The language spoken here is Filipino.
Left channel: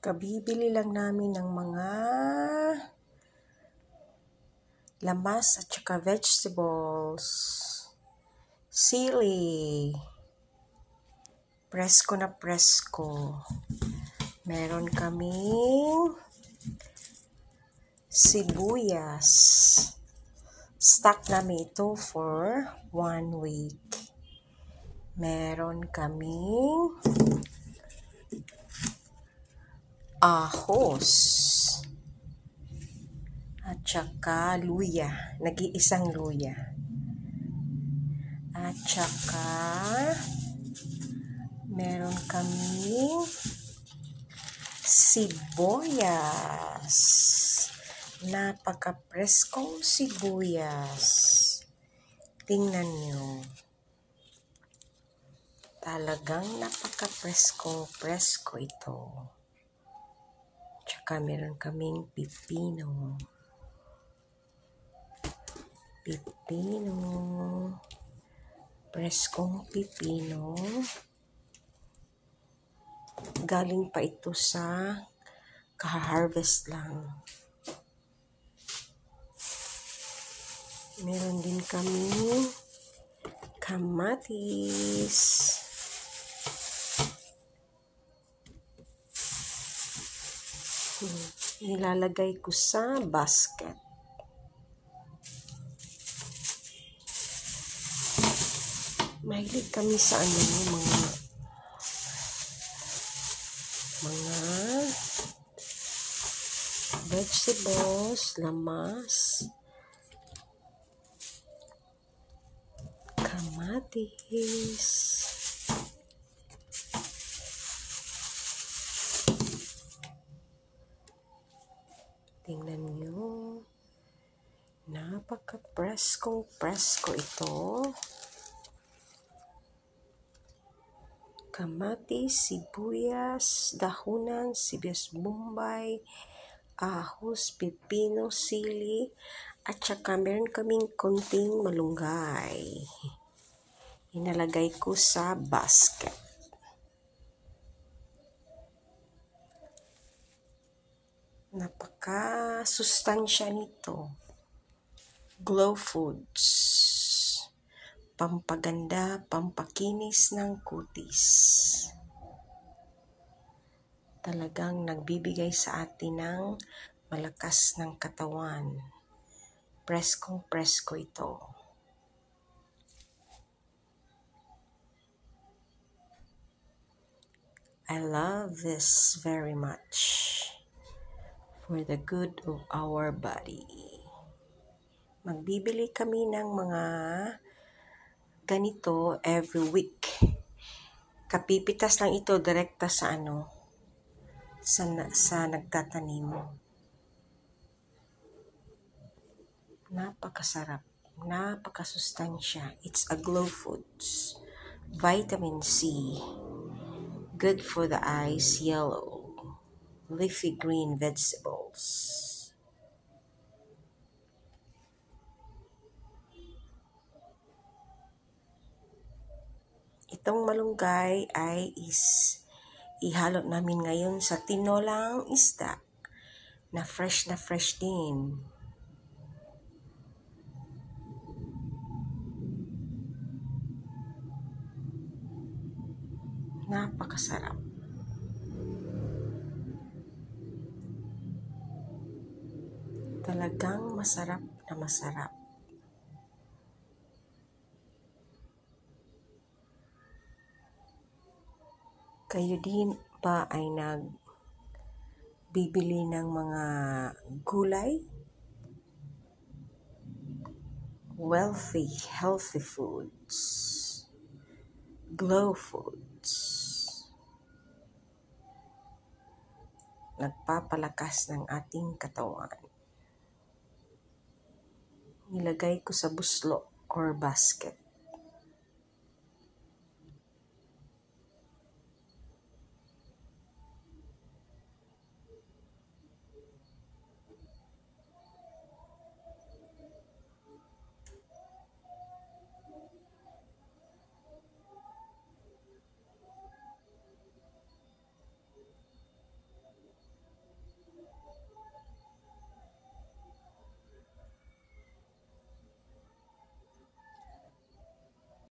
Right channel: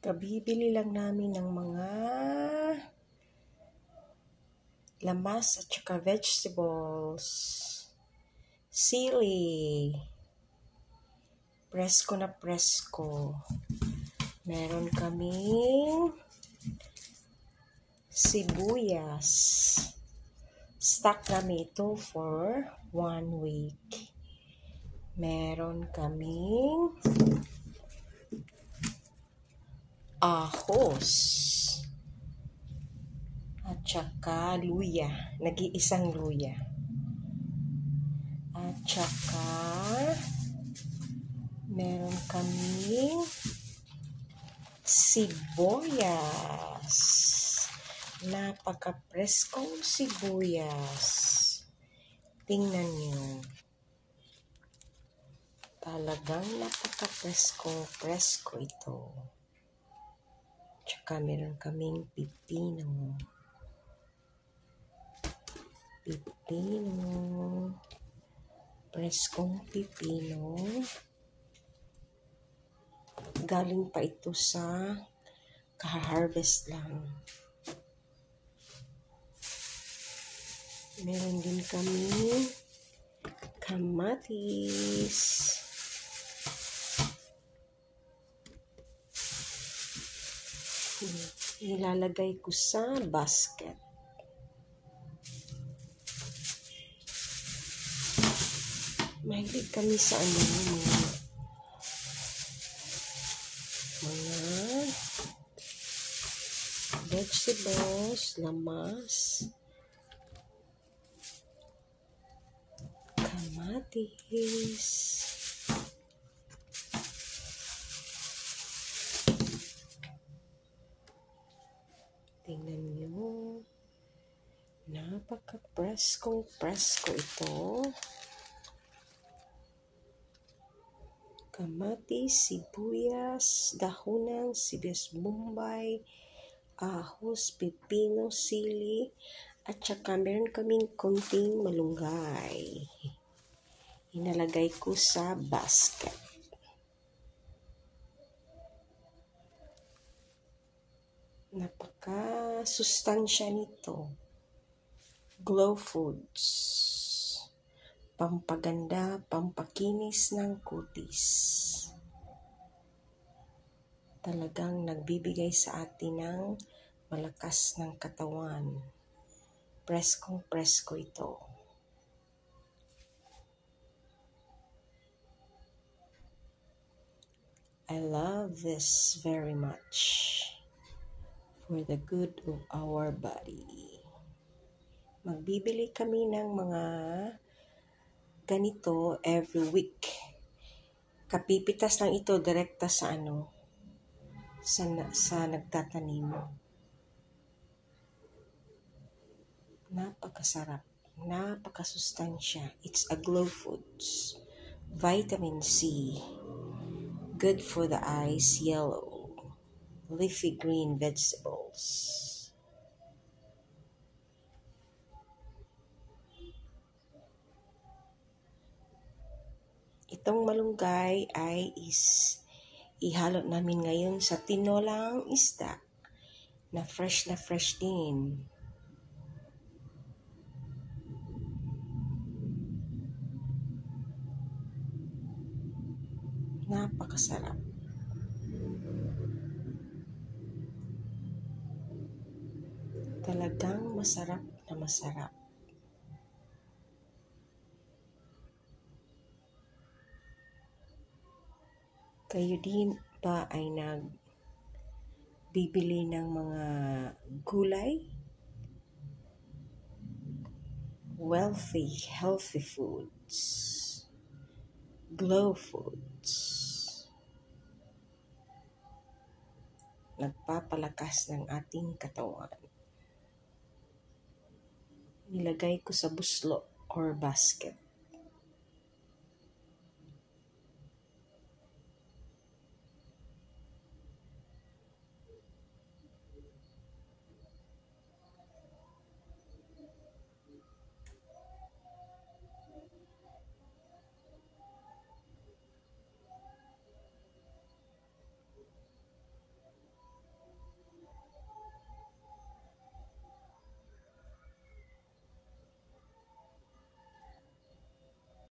Kabibili lang namin ng mga lamas at saka vegetables. Sili. Presko na presko. Meron kaming sibuyas. Stock namin ito for 1 week. Meron kaming ahos at saka luya, nag-iisang luya, at saka meron kaming sibuyas, napaka-preskong sibuyas. Tingnan nyo, talagang napaka-preskong presko ito. Tsaka meron kaming pipino. Preskong pipino. Galing pa ito sa kaha-harvest lang. Meron din kaming kamatis. Nilalagay ko sa basket. Mahilig kami sa mga vegetables, lamas, kamatis. Tingnan nyo, napaka-presko ito. Kamatis, sibuyas, dahunan, sibuyas bombay, ahos, pipino, sili, at saka meron kaming konting malunggay. Inalagay ko sa basket. Napaka-sustansya nito. Glow Foods. Pampaganda, pampakinis ng kutis. Talagang nagbibigay sa atin ng malakas ng katawan. Preskong presko ito. I love this very much for the good of our body. Magbibili kami ng mga ganito every week. Kapipitas lang ito direkta sa sa nagtatanim. Napakasarap, napakasustansya. It's a Glow Foods. Vitamin C. Good for the eyes, yellow. Leafy green vegetables. Itong malunggay ay ihalo namin ngayon sa tinolang isda na fresh din. Napakasarap. Talagang masarap na masarap. Kayo din ba ay nagbibili ng mga gulay? Healthy foods. Glow Foods. Nagpapalakas ng ating katawan. Nilagay ko sa buslo or basket.